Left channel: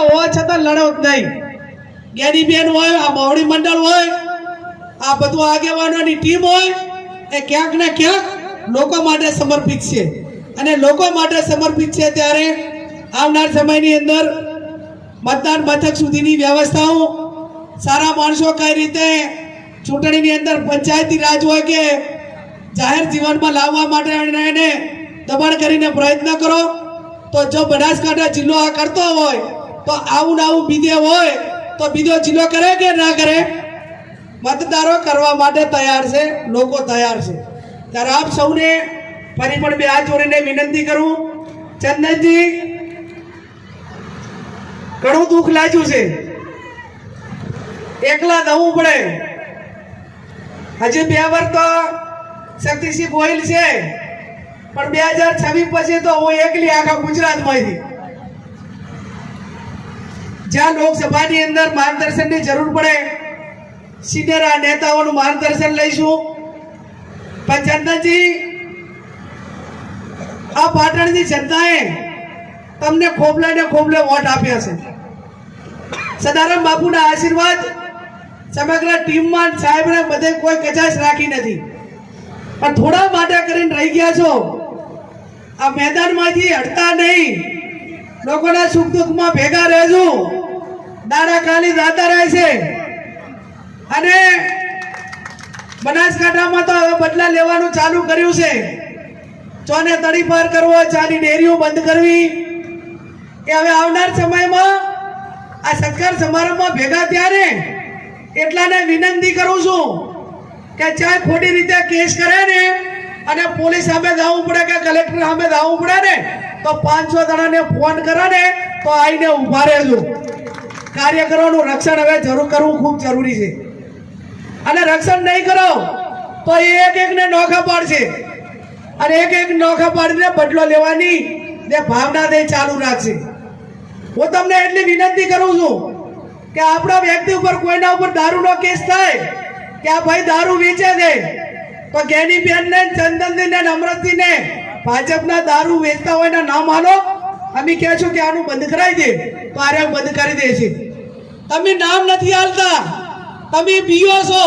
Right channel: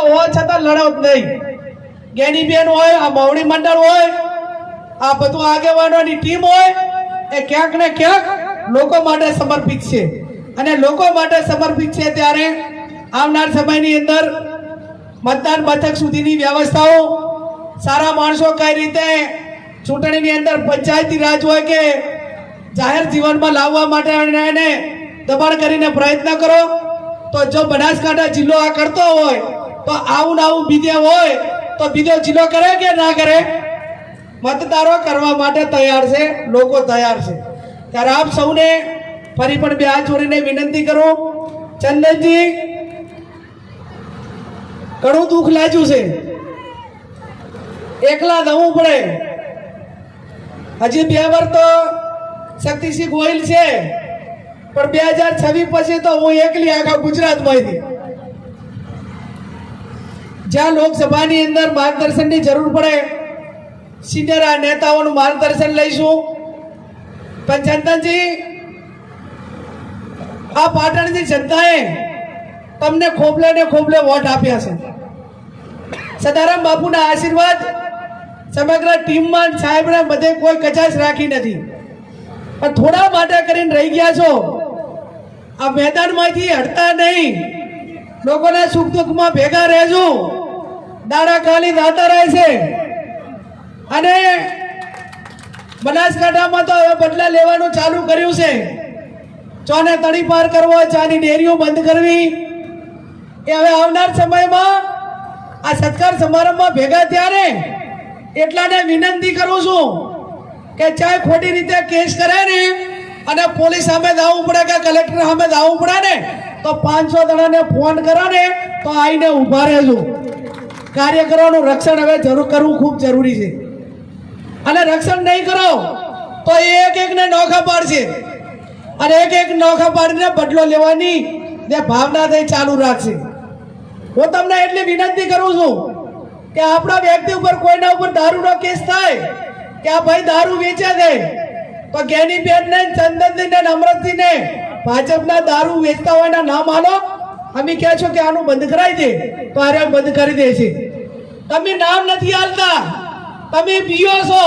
હોવા છતાં લડો જ નહીં. જ્ઞાનીબેન હોય, આ મોવડી મંડળ હોય, આ બધું આગેવાનોની ટીમ હોય, એ ક્યાંક ને ક્યાંક લોકો માટે સમર્પિત છે. અને લોકો માટે સમર્પિત છે ત્યારે આવનાર સમયની અંદર મતદાન મથક સુધીની વ્યવસ્થાઓ, સારા માણસો કઈ રીતે ચૂંટણીની અંદર પંચાયતી રાજ હોય કે જાહેર જીવનમાં લાવવા માટે એને દબાણ કરીને પ્રયત્ન કરો. તો જો બનાસકાંઠા જિલ્લો આ કરતો હોય તો આવું ને આવું બીજે હોય તો બીજો જિલ્લો કરે કે ના કરે? મતદારો કરવા માટે તૈયાર છે, લોકો તૈયાર છે. ત્યારે આપ સૌને ફરી પણ બે હાથ જોડીને વિનંતી કરું, ચંદનજી ઘણું દુઃખ લાગ્યું છે, એકલા જવું પડે. હજી 2 વર્ષ તો શક્તિસિંહ ગોહિલ છે, પણ 2026 પછી તો હું એકલી આખા ગુજરાતમાંથી. જ્યાં લોકસભાની અંદર માર્ગદર્શનની જરૂર પડે, સિનિયર નેતાઓનું માર્ગદર્શન લઈશું. પણ ચંદનજી, આ પાટણની જનતાએ તમને ખોબલે ને ખોબલે વોટ આપ્યા છે. સદારામ બાપુના આશીર્વાદ સમગ્ર ટીમમાં સાહેબને બધે કોઈ કચાશ રાખી નથી, પણ થોડા માટે કરીને રહી ગયા છો. આ મેદાનમાંથી હટતા નહીં, લોકોના સુખ દુઃખમાં ભેગા રહેજો. દાડા કાલી દાતા રહે છે. અને બનાસકાંઠામાં તો હવે બદલા લેવાનું ચાલુ કર્યું છે. ચોને તળી પાર કરવો, ચાની ડેરીઓ બંધ કરવી, એ હવે આવનાર સમયમાં આ સત્કાર સમારંભમાં ભેગા ત્યારે એટલાને વિનંતી કરું છું કે ચાહે ખોટી રીતે કેસ કરે ને અને પોલીસ સામે જવું પડે કે કલેક્ટર સામે જવું પડે ને તો 500 જણાને ફોન કરે ને તો આવીને ઊભા રહેજો. કાર્યકરોનું રક્ષણ હવે જરૂર કરવું ખૂબ જરૂરી છે. અને રક્ષણ નહીં કરો તો એક એકને નોખા પાડશે, અને એક નોખા પાડીને બદલો લેવાની જે ભાવના તે ચાલુ રાખશે. હું તમને એટલી વિનંતી કરું છું કે આપણા વ્યક્તિ ઉપર કોઈના ઉપર દારૂનો કેસ થાય કે આ ભાઈ દારૂ વેચે છે, તો જ્ઞાનીબેન ને ચંદનજી ને અમરતજી ને ભાજપના દારૂ વેચતા હોય ના નામ આલો. અમે કહે છો કે આનું બંધ કરાય છે તો આરે બંધ કરી દે છે. તમે નામ નથી આલતા, તમે પીઓ છો,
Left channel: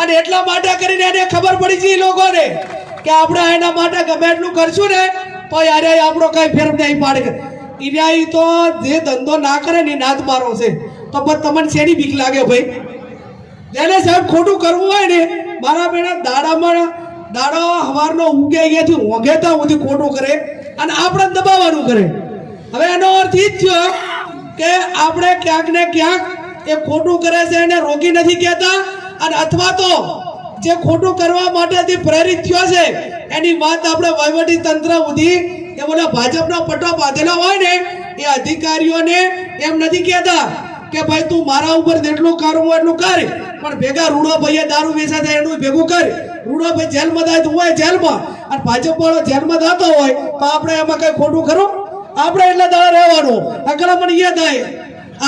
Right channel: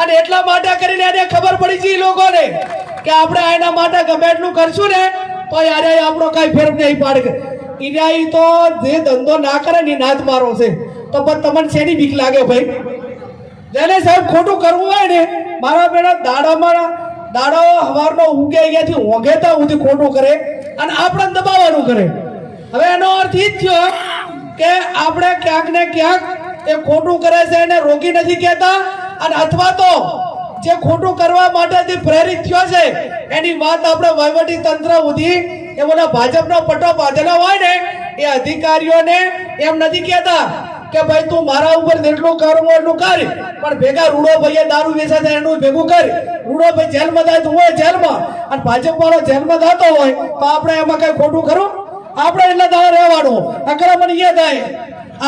અને એટલા માટે કરીને એને ખબર પડી છે લોકોને કે આપણે એના માટે ગમે એટલું કરશું ને તો યારે આપણો કઈ ફેર નહીં પાડે. ઇન્યાય તો જે ધંધો ના કરે ને નાદ મારો છે, તો પણ તમને શેની બીક લાગે ભાઈ? જેને સાહેબ ખોટું કરવું હોય ને, મારા બેટા દાડો હવારનો ઉગે અહીંયાથી ઓઘેતા સુધી ખોટું કરે અને આપણે દબાવવાનું કરે. હવે એનો અર્થ એ જ થયો કે આપણે ક્યાંક ને ક્યાંક એ ખોટું કરે છે એને રોકી નથી કહેતા, અને અથવા તો જે ખોટું કરવા માટે પ્રેરિત થયો છે એની વાત આપણે વહીવટી તંત્ર સુધી એ બોલા ભાજપનો પટ્ટો બાંધેલો હોય ને એ અધિકારીઓને એમ નથી કહેતા કે ભાઈ તું મારા ઉપર જેટલું કરવું એટલું કર, પણ ભેગા રૂડો ભાઈએ દારૂ વેચા થાય એનું ભેગું કર. રૂડો ભાઈ જેલમાં જાય હોય જેલમાં, અને ભાજપ વાળો જેલમાં જતો હોય તો આપણે એમાં કઈ ખોટું ખરું? આપણે એટલે દાડા રહેવાનું, આક્રમણ અહીંયા થાય,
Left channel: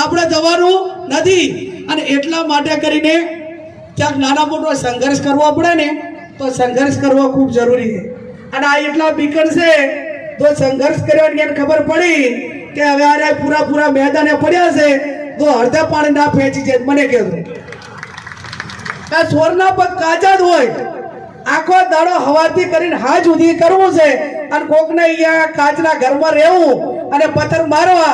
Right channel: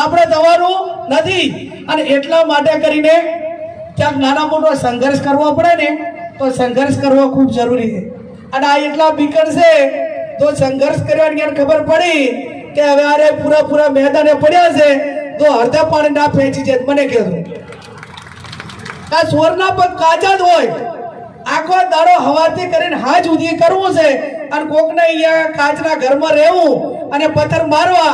આપણે જવાનું નથી. અને એટલા માટે કરીને ક્યાંક નાના મોટો સંઘર્ષ કરવો પડે ને તો સંઘર્ષ કરવો ખૂબ જરૂરી છે. અને આ એટલા બીકર છે તો સંઘર્ષ કરવાની ખબર પડી કે હવે આરે પૂરા મેદાને પડ્યા છે તો અડધા પાણી ના ફેંચી જાય. મને કહેજો આ સ્વરના પગ કાચા જ હોય, આખો દાડો હવાથી કરીને હાજ સુધી કરવું છે, અને કોકને અહીંયા કાચના ઘરમાં રહેવું અને પથ્થર મારવા,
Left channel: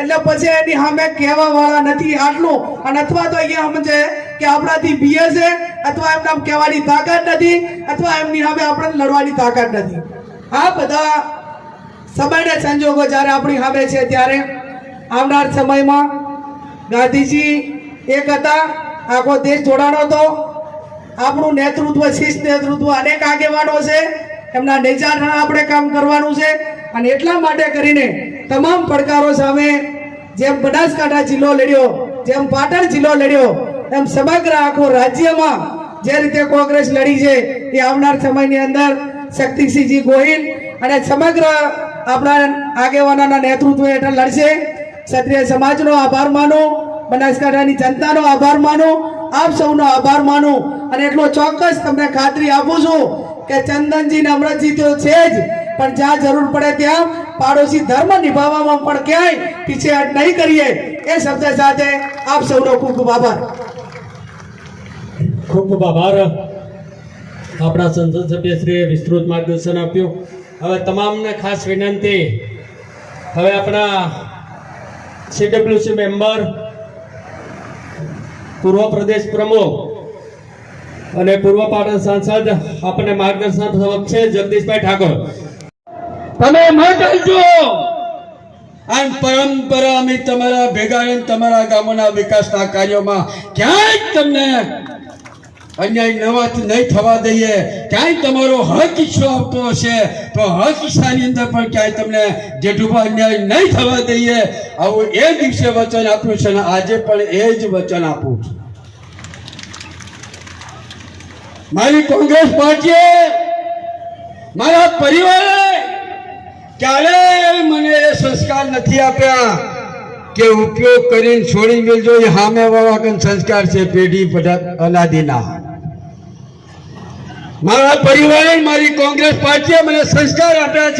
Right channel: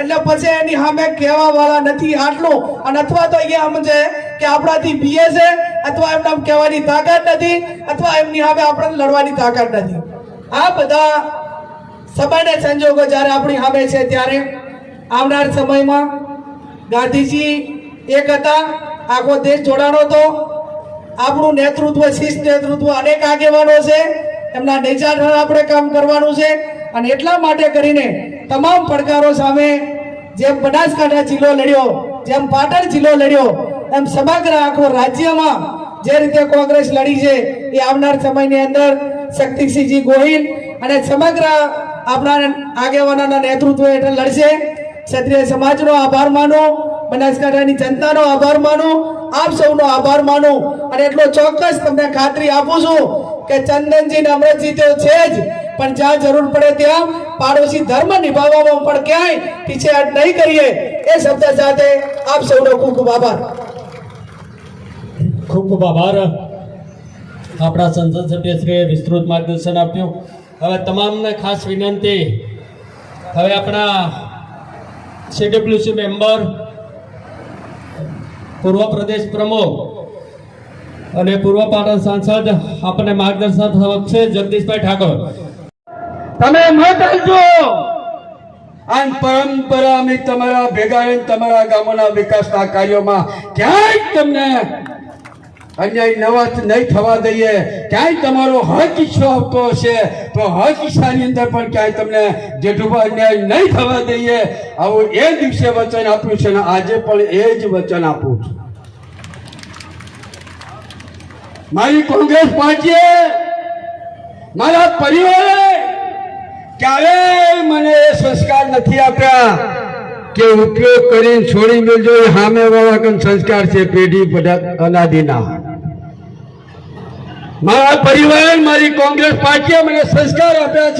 એટલે પછી એની સામે કહેવા વાળા નથી આટલું. અને અથવા તો અહીંયા સમજે કે આપણાથી બીએ છે, અથવા એમને કહેવાની તાકાત નથી, અથવા એમની સામે આપણે લડવાની તાકાત નથી. આ બધા સમયના સંજોગો જ્યારે આપણી સામે છે ત્યારે આવનાર સમયમાં ગાંધીજી એક હતા, આખો દેશ જોડાણો હતો. આપણું નેતૃત્વ, શિસ્ત નેતૃત્વ, અનેક આગેવાનો છે, એમના નેજા આપણે કામ કરવાનું છે. અને એટલા માટે કરીને તમામ પડકારો સામે જેમ બનાસકાંઠા જિલ્લો લડ્યો, જેમ પાટણ જિલ્લો લડ્યો, એમ સમગ્ર આખો રાજ્યમાં જે રીતે કોંગ્રેસ લડી છે એ આવનાર સમયની અંદર શક્તિસિંહજી ગોહિલ અને સમગ્ર આપણા આગેવાનોના નેતૃત્વ હેઠળ લડશે. ક્ષત્રિય સમાજનો આભાર માનો, બનાસકાંઠાની જનતાનો આભાર માનો, આપ સૌનો આભાર માનો. અને એટલો ચોક્કસ તમને ખાતરી આપું છું કે ચંદનજી ને અમરતજી તો છે જ, પણ જ્યાં જરૂર પડે ત્યાં પાડોશી ધર્મ નિભાવવામાં પણ ક્યાંય પીછેહટ નહીં કરીએ એ શબ્દ સાથે આપ સૌનો ખૂબ ખૂબ આભાર. ખૂબ ખૂબ આભાર. આપણા સંસદ સભ્યશ્રીએ વિસ્તૃત માર્ગદર્શન આપ્યું. હવે તમામને ખાસ વિનંતી, હવે આપણા સીડબ્લ્યુસી મેમ્બર, પૂર્વ પ્રદેશ પ્રમુખ અને પૂર્વ પાટણ સાંસદ આપણને માર્ગદર્શન આપશે. જગદીશભાઈ ઠાકોર, તમે મત આપજો. આ પરંપરા અમે તમારા ભેગા રહીને તમારા ગામોના વિકાસના કાર્યોમાં ક્યાંય તમને અન્યાય નહીં થવા દઈએ. ક્યાંય તમારો હક ઈચ્છો આવતો હશે તો હક ઈચ્છાની અંદર પણ ક્યાંય તમને જેઠુભા અન્યાય નહીં થવા દઈએ. આવું એ દિવસે વચન આપ્યું છે ને આજે પણ એ જ વચન આપું છું. મારી કોંગ્રેસ પાર્ટીએ, મારા પરિવારે ક્યારેય મને એ સંસ્કાર નથી આપ્યા કે ઉપયોગ કરીને છોડી મેળજો. એ સામે વાળા સંસ્કાર છે પેઢી અનાદિના. મારા પરિવારે, મારી કોંગ્રેસ પાર્ટીએ મને સંસ્કાર આપ્યા છે.